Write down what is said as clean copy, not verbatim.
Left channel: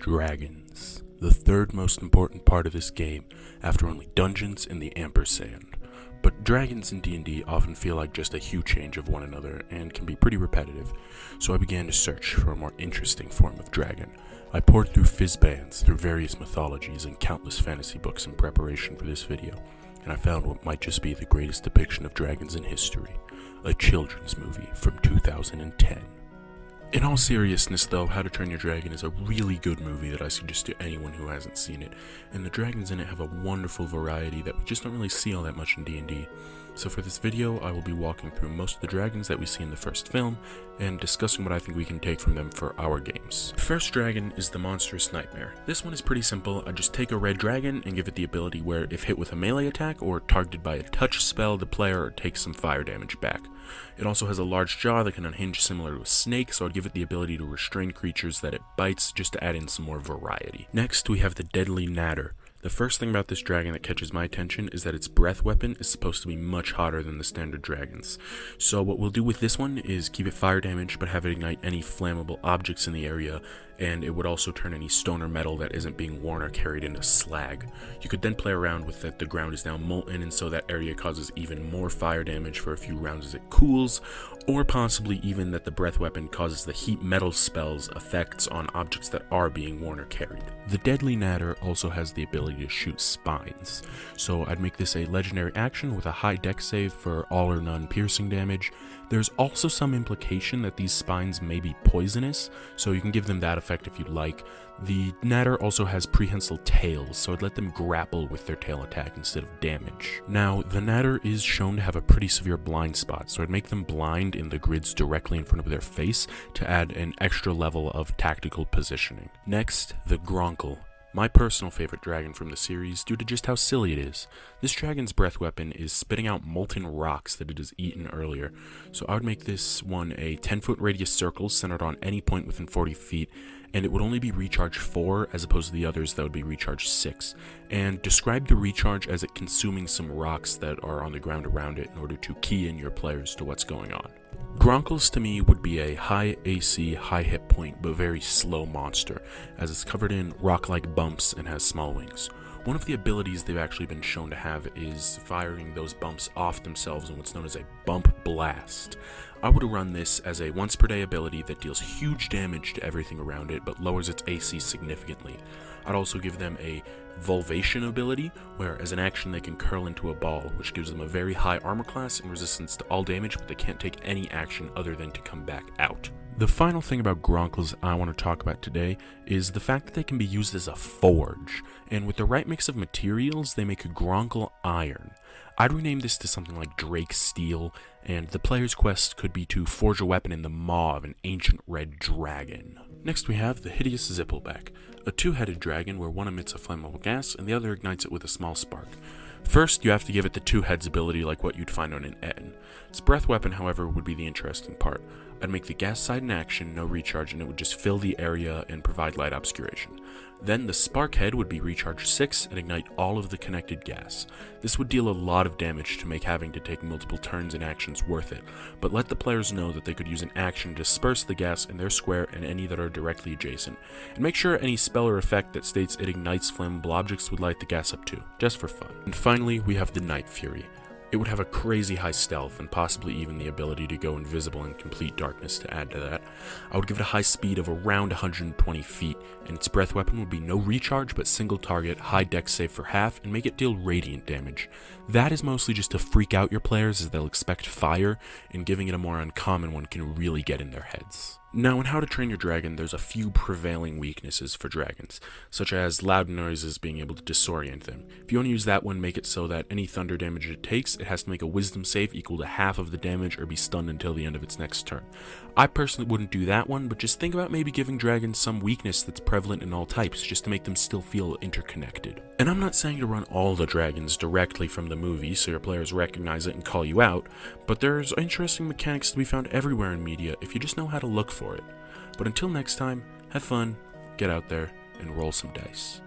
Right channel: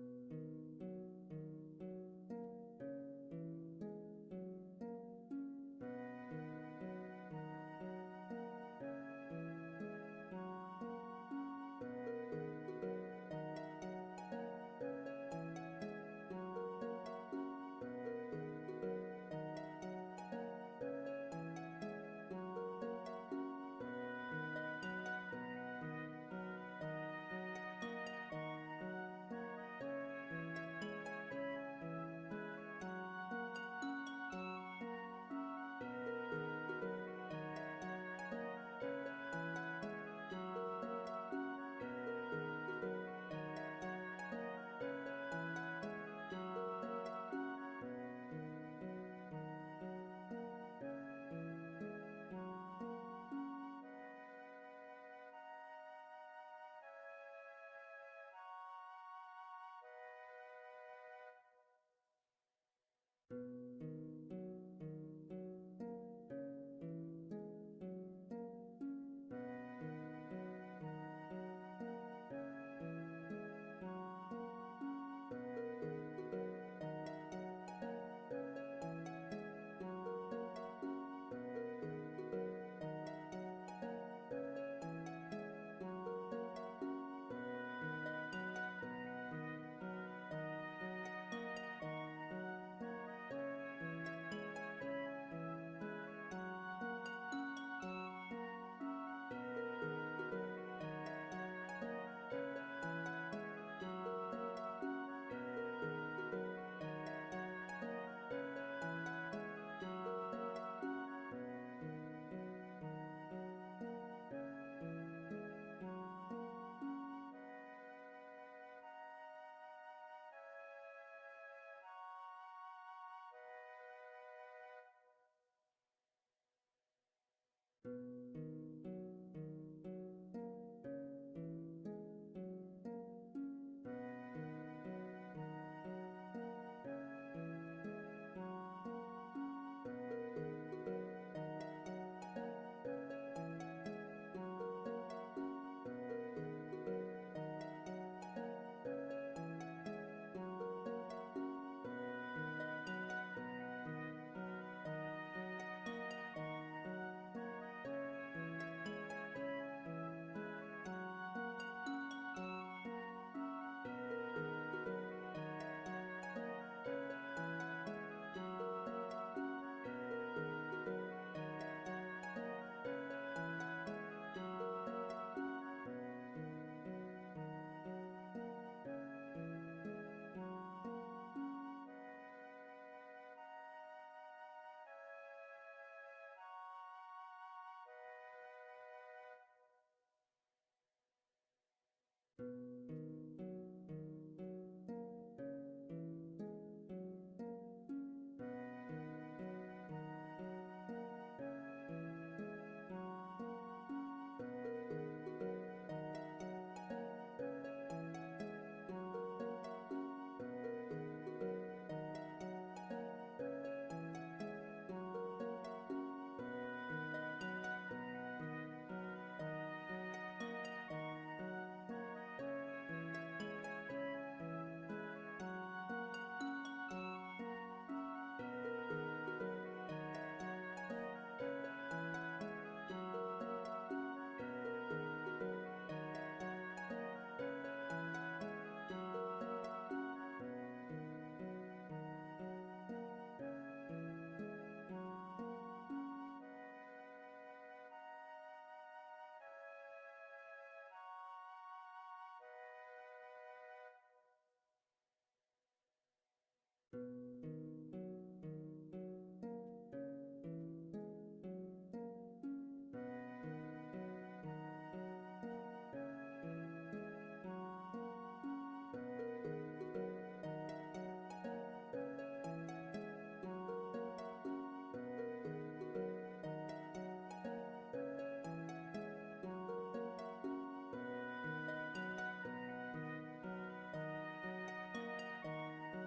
Dragons, the third most important part of this game after only dungeons and the ampersand. But dragons in D&D often feel like just a hue change of one another and can be pretty repetitive, so I began to search for a more interesting form of dragon. I poured through fizzbands, through various mythologies and countless fantasy books in preparation for this video, and I found what might just be the greatest depiction of dragons in history, a children's movie from 2010. In all seriousness though, How to Train Your Dragon is a really good movie that I suggest to anyone who hasn't seen it, and the dragons in it have a wonderful variety that we just don't really see all that much in D&D. So for this video, I will be walking through most of the dragons that we see in the first film, and discussing what I think we can take from them for our games. The first dragon is the Monstrous Nightmare. This one is pretty simple. I just take a red dragon and give it the ability where if hit with a melee attack or targeted by a touch spell, the player takes some fire damage back. It also has a large jaw that can unhinge similar to a snake, so I'd give it the ability to restrain creatures that it bites just to add in some more variety. Next, we have the Deadly Natter. The first thing about this dragon that catches my attention is that its breath weapon is supposed to be much hotter than the standard dragons. So what we'll do with this one is keep it fire damage but have it ignite any flammable objects in the area, and it would also turn any stone or metal that isn't being worn or carried into slag. You could then play around with that the ground is now molten, and so that area causes even more fire damage for a few rounds as it cools, or possibly even that the breath weapon causes the heat metal spells effects on objects that are being worn or carried. The Deadly Natter also has the ability to shoot spines, so I'd make this a legendary action with a high dex save for all or none piercing damage. There's also some implication that these spines may be poisonous, so you can give them that effect if you like. The Natter also has prehensile tails, so I'd let them grapple with their tail attack instead of damage. Now, the Natter is shown to have a pretty severe blind spot, so I'd make them blind in the grids directly in front of their face to add an extra level of tactical positioning. Next, the Gronkle. My personal favorite dragon from the series due to just how silly it is. This dragon's breath weapon is spitting out molten rocks that it has eaten earlier, so I would make this one a 10-foot radius circle centered on any point within 40 feet, and it would only be recharge 4 as opposed to the others that would be recharge 6, and describe the recharge as it consuming some rocks that are on the ground around it in order to key in your players to what's going on. Gronkles to me would be a high AC, high hit point, but very slow monster, as it's covered in rock-like bumps and has small wings. One of the abilities they've actually been shown to have is firing those bumps off themselves in what's known as a bump blast. I would run this as a once per day ability that deals huge damage to everything around it, but lowers its AC significantly. I'd also give them a Volvation ability, where as an action they can curl into a ball, which gives them a very high armor class and resistance to all damage, but they can't take any action other than to come back out. The final thing about Gronkles I want to talk about today is the fact that they can be used as a forge, and with the right mix of materials they make a Gronkle Iron. I'd rename this to something like Drake Steel, and the player's quest could be to forge a weapon in the maw of an ancient red dragon. Next we have the Hideous Zippleback, a two-headed dragon where one emits a flammable gas and the other ignites it with a small spark. First, you have to give it the two heads ability like what you'd find on an Etten. Its breath weapon, however, would be the interesting part. I'd make the gas side in action, no recharge, and it would just fill the area and provide light obscuration. Then the spark head would be recharge 6 and ignite all of the connected gas. This would deal a lot of damage to make having to take multiple turns and actions worth it, but let the players know that they could use an action to disperse the gas in their square and any that are directly adjacent, and make sure any spell or effect that states it ignites flammable objects would light the gas up too, just for fun. And finally, we have the Night Fury. It would have a crazy high stealth and possibly even the ability to go invisible in complete darkness to add to that. I would give it a high speed of around 120 feet, and its breath weapon would be no recharge but single target, high dex save for half, and make it deal radiant damage. That is mostly just to freak out your players as they'll expect fire, and giving it a more uncommon one can really get in their heads. Now, in How to Train Your Dragon, there's a few prevailing weaknesses for dragons, such as loud noises being able to disorient them. If you want to use that one, make it so that any thunder damage it takes, it has to make a wisdom save equal to half of the damage or be stunned until the end of its next turn. I personally wouldn't do that one, but just think about maybe giving dragons some weakness that's prevalent in all types, just to make them still feel interconnected. And I'm not saying to run all the dragons directly from the movie so your players recognize it and call you out, but there's interesting mechanics to be found everywhere in media if you just know how to look for it. But until next time, have fun, get out there, and roll some dice.